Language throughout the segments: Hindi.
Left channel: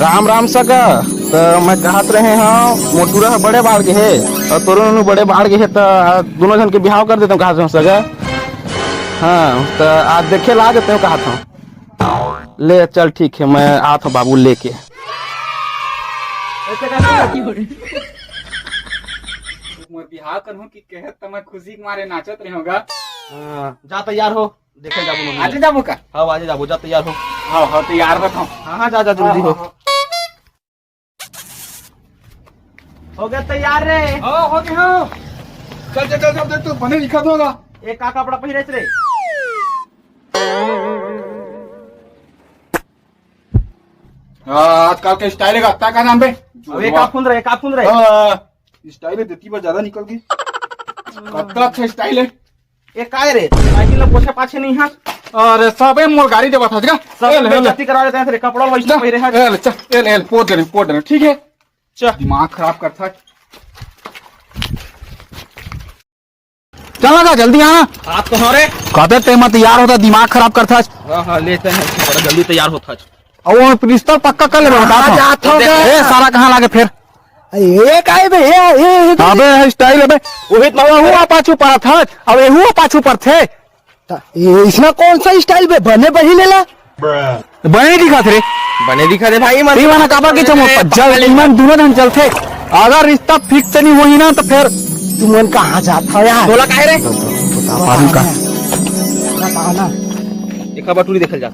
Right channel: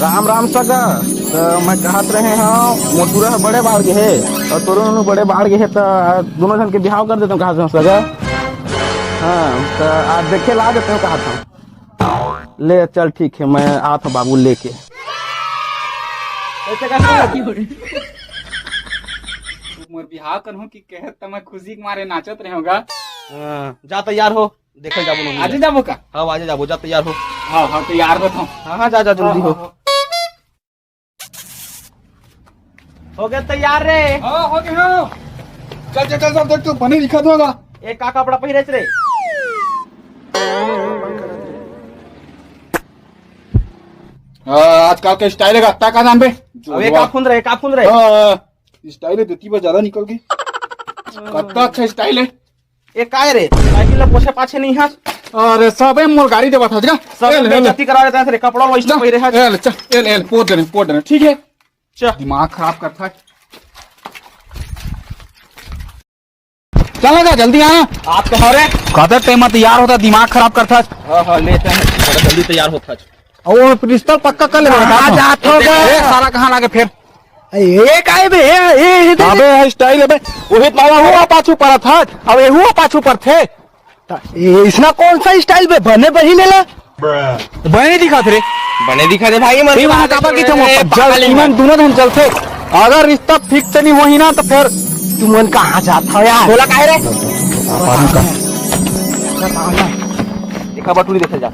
राम राम सगा। तो मैं कहत रहे हाँ मोटूरा बड़े बाढ़ के है और तोरो बड़े बाढ़ के है तो दोनों जन के बिहाव कर देते कहा सगा। हाँ तो आज देखे ला देते हो कहा था। ले चल ठीक है मैं आता हूँ बाबू लेके। मोर बिहाव करहूं कि कहत त मैं खुशी के मारे नाचत रहूंगा। जा तैयार हो देखे जाबो। आज जाबो का? हाँ आज जाबो जा तैयार हो। हाँ तैयार बताऊं। हाँ हाँ जा जल्दी हो। हो गया तैयार रे? हो गए हो। चल देख तो बने दिखा दोगा। एक का कपड़ा पहिरे रे? आजकल के स्टाइल है गत्ता का नाम पे। अब एक आप फुंद रहे स्टाइल है देती पर ज्यादा निकल गई। गत्ता का स्टाइल है। एक का रे साइकिल पोछे पाछे नहीं हां। अरे सबे मोर गाड़ी देबा था सब गति करा देते हैं रे कपड़ा वैसे पहिरे है। चल पोट देना ठीक है। चल दिमाग खराब करता है। चल लगा जल्दी आना। आप कहो रे कहते ते मत तैयार होता दिमाग खराब करता है। हाँ लेते हैं थोड़ा जल्दी तैयार होता है। और वो पिस्तौल पक्का कर ले। सारा कहाँ लागे फिर? ये काहे बे अबे स्टाइल अबे ओहित मावा हुआ पाछू पर था। अबे हुआ पाछू पर थे। इसमें कौन सा स्टाइल बे बने बही लेला बने दिखा थे रे। बने दिखा दे भाई मत माना काबा के चमो जल ईमान दोनों जन चलते। अगर रिश्ता फिक्स नहीं हुई ना तो फिर तुमन कहाँ जाता है यार? बोला काहे रे? ये खबर तू देखल जा।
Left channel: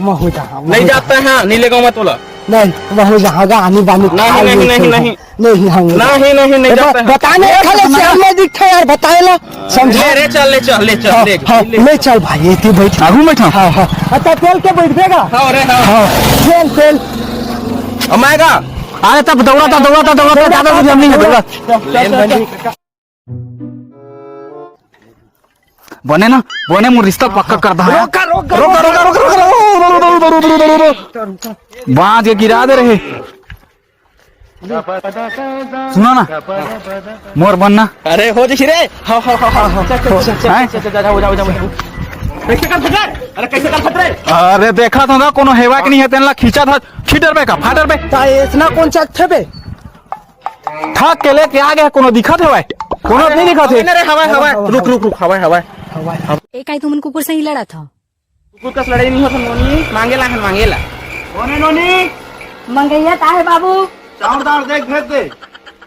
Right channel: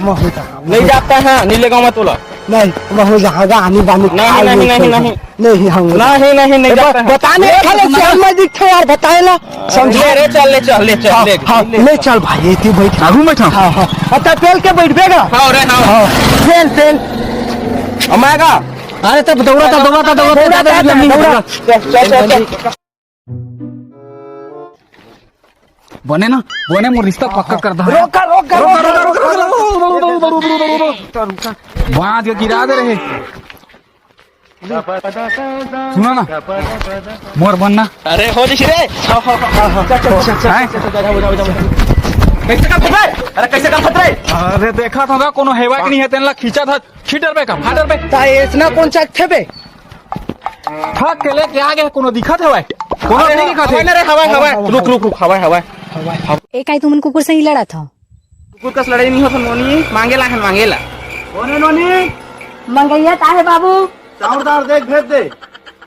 नहीं जाता है। हाँ नीले गाँव तोला नहीं नहीं जाएगा आनी बानी नहीं जाता है। बताने खाली दिखता यार बताएला समझे रे? चल ले चल भाई इतनी बैठ अभी बैठा। हाँ हाँ अच्छा तेल के बैठेगा। हाँ रे हाँ तेल हमारा। अरे तब दौड़ा बने मुझे रिश्ता पक्का कर दो। वहां के गिरा दे रहे। सुनो ना मोर बनना। अरे हो जी रे। कैसे कर सकते? अरे देखा था ना कोनो हेवा के नहीं है तेनला खींचा था छीटर पे का फाटर पे इतना कौन सा थे बे था के लेके आ गया कोनो दिखा थे भाई कोनो नहीं दिखा थे। हवा रुक हवा एक आई तुमन कुकुर से ही लड़ा था। कुकुर का लड़ाई नहीं होता नोनी मांगेला कौन है नोनी? मंगैया ताहे बाबू चावलदार देख भेज दे।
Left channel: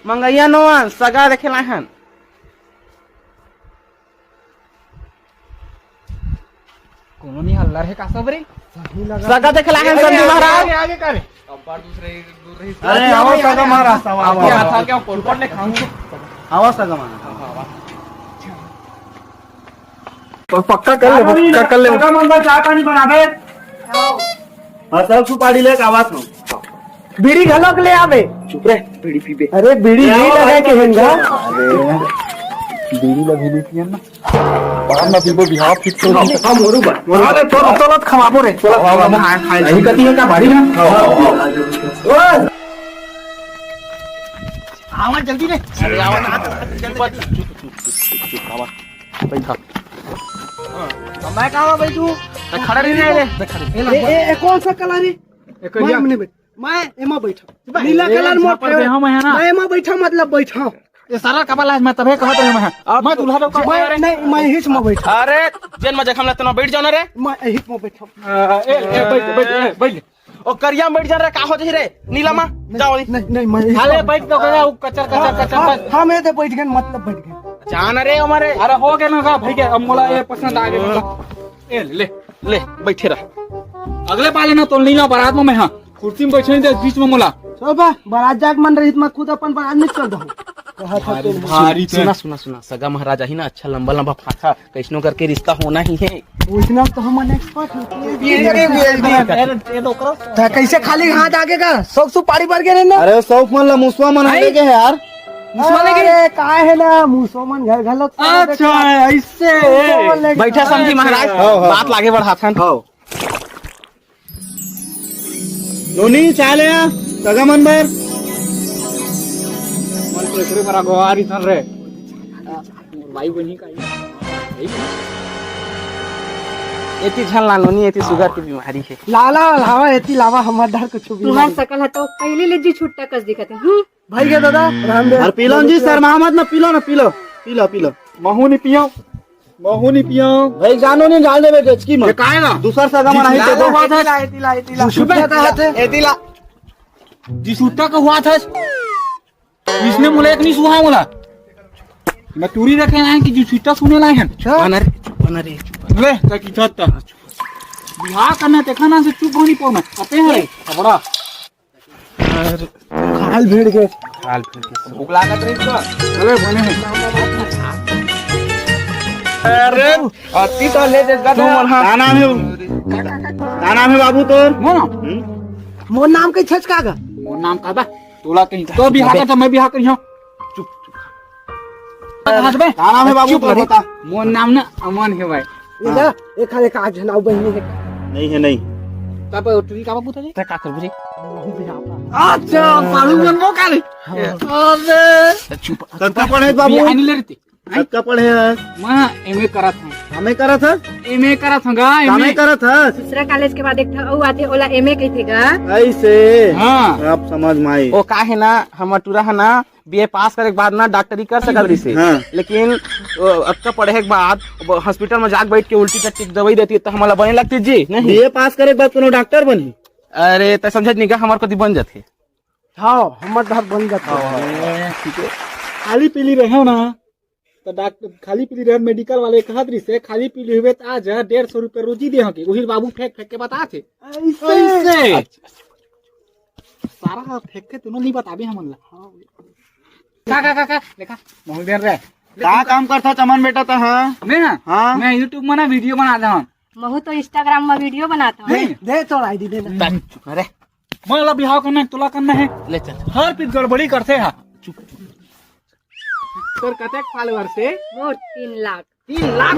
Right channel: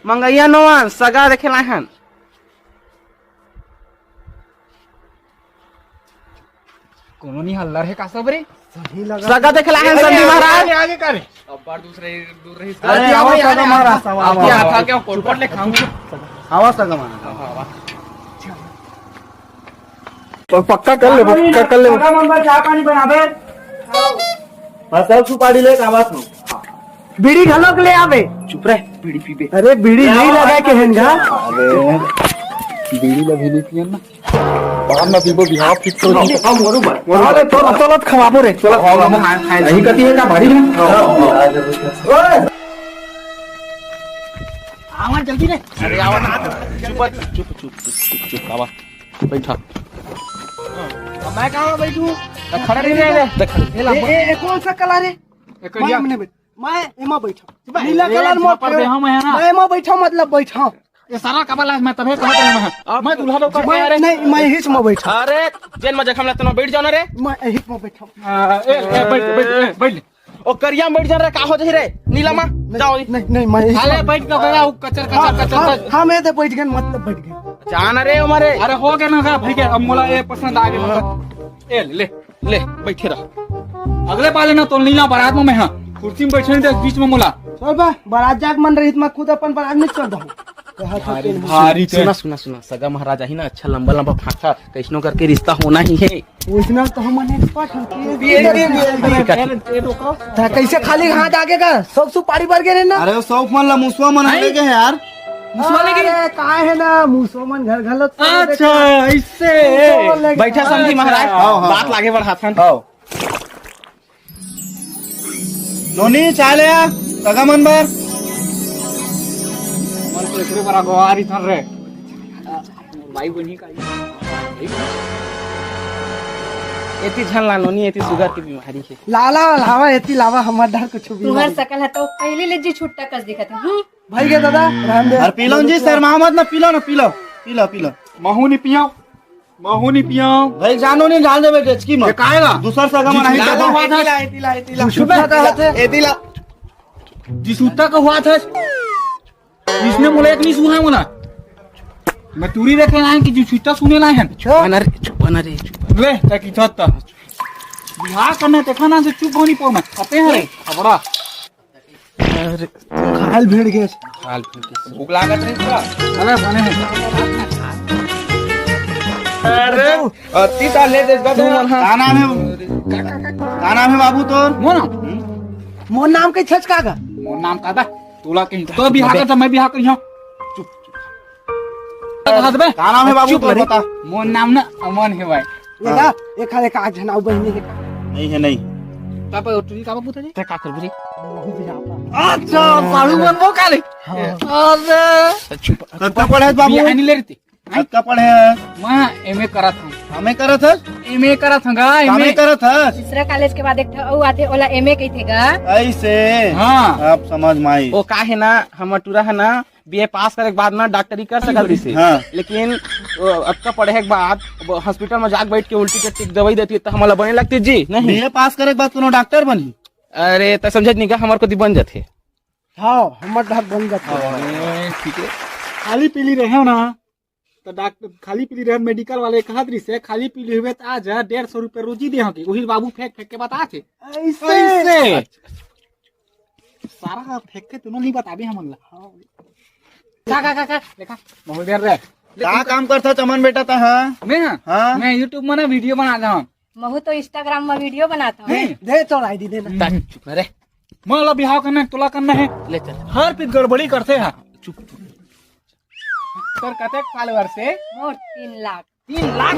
मंगैया नोआ सगा देखे लाए हम। कोनो नहीं हल्ला है का सब रे। सगा देखे लाए संजू महाराज। आगे कर अब बार दूर रही। अरे आओ सगा महाराज आवा था क्या पोट ले खाऊंगा। आओ सगा महाराज पक्का कर ले चाय पानी बनावे। हाँ सब सुपारी ले आवाज हो। बीड़ी घलक ले आवे। चुप रे बीड़ी पीबे। अरे बीड़ी नहीं लगे के हिंगा। अरे बीड़ी लगी नहीं पियन ना बाहर ना पीबो बिहाव फिक्स हो गई। हम मोरू बा। अरे तो खवाबो रे। चलो हम खाए अभी कती है का बाड़ी ना। ओए आवा जल्दी रे। अरे आवा ना चुप आवा बैठा। मैं कहां बैठू? खड़ा नहीं रहे। ए कौन सा कलर है? मैं एमा बैठा। नीला कलर में पर दे हम है ना। मैं एमा बैठा मतलब बैठा। ये सारा कबला मैं तबे कहत हूं मैं दूल्हा लोग का। नहीं मैं हिच में बैठा। अरे जेन में जखम लेते ना बैठ जाना रे। मैं हिच में बैठा। बैठ ओ करिया में बैठ जा रे का हो जाई रे नीला मा जाओ। नहीं मैं हाले बैठ के गया वो कचर हम ए बैठ गए मतलब बैठ गए। जाना रे हमारे। अरे हो गया ना ठीक है अब मोला ये पसंद आ गया। ए ले बैठे रह। अगले पाले ना तो लीला बारात में हां कुर्सी में बैठे थे बीच में मोला सब बारात जाग मन रही मैं खुद अपन बारात में चल रहा भारी सुना सगा महाराजा ही ना अच्छा लंबा फाटा कैसनो करके रिश्ता होना ही है। उतना तो हम एक्सपर्ट हैं। कैसे खाली हाथ आगे का सब सुपारी भर के ना। अरे सौ मन ला मुसवा मन आगे के यार। अरे काय है ना मुसलमान घर घलत। अच्छा ऐसे बैठा समझी महाराज बात लागे बढ़ा था। नोनी चाले सगा मन बार मन तो एकरे बरा गोवारी थन रे भाई बनी का एती झन लानोनी एती शुगर की बीमारी है। लाला लावा एती लावा हमर डर कुछ भी तुम्हार सकल है तो पहले ले जी छुट्टा कस दिखत है भाई के दादा राम दे और पीलो जी सर मोहम्मद ना पीलो महू नहीं पियो भाई जानो नहीं जान देबे गचकी मत काहेगा दूसरा सगा में नहीं तो एती ला सुता का हाथ है एती ला जी सूता का हुआ था इसने बोला एक नहीं सुहा बोला मैं टूरी रख रहा हूं कि जी सूता सुने ना है बना रे ले ताकि छत बिहार करना तो खाना से चुप होनी पाना अपे है बड़ा अरे हाल भीड़ के हाल भूख लागत रही तो चलो खाने हैं अरे अति तो ले दे का गाना में बाबू तो मोर नाम के छच कागा मोर नाम का था तोला कहीं तो बिहार का था मैं बिहार कहीं चुप गाना में बाबू तो बता मोर नाम ना अमन है भाई ये जा एक हाल एक आग जनाओ बहिनी के नहीं तब तुझी का बाबू था का कर रे अच्छा पालू मन वो काले अरे चुप कब पढ़े बाबू आनी ले रही कब पढ़े मैं एमए करा था एमए करा था एमए करा था दूसरा कॉलेज के बाद एक था ओ आथे ओला एमए कहिथेगा ऐसे हाँ आप समझ में आई ओ का है ना हम टूरा है ना बीए पास करे के बाद ना डॉक्टरी कर सकल रही से हाँ। लेकिन अब का पढ़े के बाद हॉस्पिटल में जाके बैठ के उल्टी टट्टी दवाई देती तो हमारा बने लगती जी नहीं बीए पास करे के बाद कोनो डॉक्टर बनी अरे तो समझ नहीं का हमारे को बन जाते हां हमर डर बन जाता ठीक है खाली पीली रहे ना तो डॉक्टर खाली पीली रहे मेडिकल वाले कहा दरी से खाली पीली हुए तो आज 150 रुपए रोजी दे होगी वही बाबू फेंक के बता थे ऐसे सारा फेंक के तूने नहीं बता भी हम का देखा बहुत देर रे का काम करता चमन बेटा था हां मैं YouTube में ना वीडियो बना रहा हूं महू तो इंस्टाग्राम में वीडियो बनाता हूँ दे तो आईडी देना अरे मोला बिहाव करना तुला करना है ले चल हर पिन गड़बड़ी करते हैं चुप और कतक फॉलोअर से मोर 3 लाख 3 लाख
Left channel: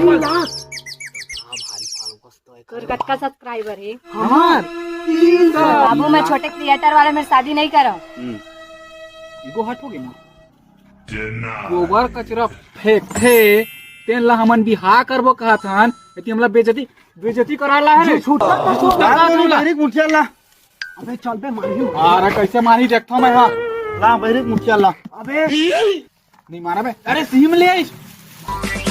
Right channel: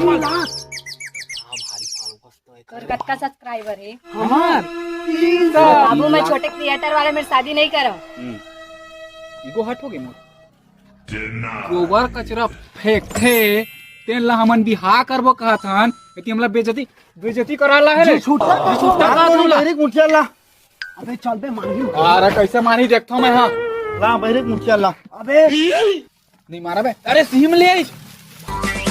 और कटका सब्सक्राइबर है हमार बाबू मैं छोटे क्रिएटर वाले में शादी नहीं करो इगो हट हो गई ना गोबर कचरा फेंके तेन ला हमन बिहा करबो कहत हन कि हमला बेइज्जती कराला है छूटा डायरेक्ट मुठिया ला अबे चल बे मारी अरे कैसे मारी देखता मैं हां ला डायरेक्ट मुठिया ला अबे नहीं मारा बे अरे सिम ले आई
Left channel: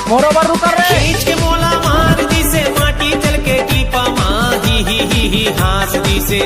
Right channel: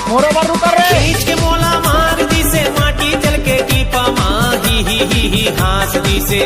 मोरो बार रुका रे खींच के मोला मार दी से माटी चल के टीपा मा ही हास दी से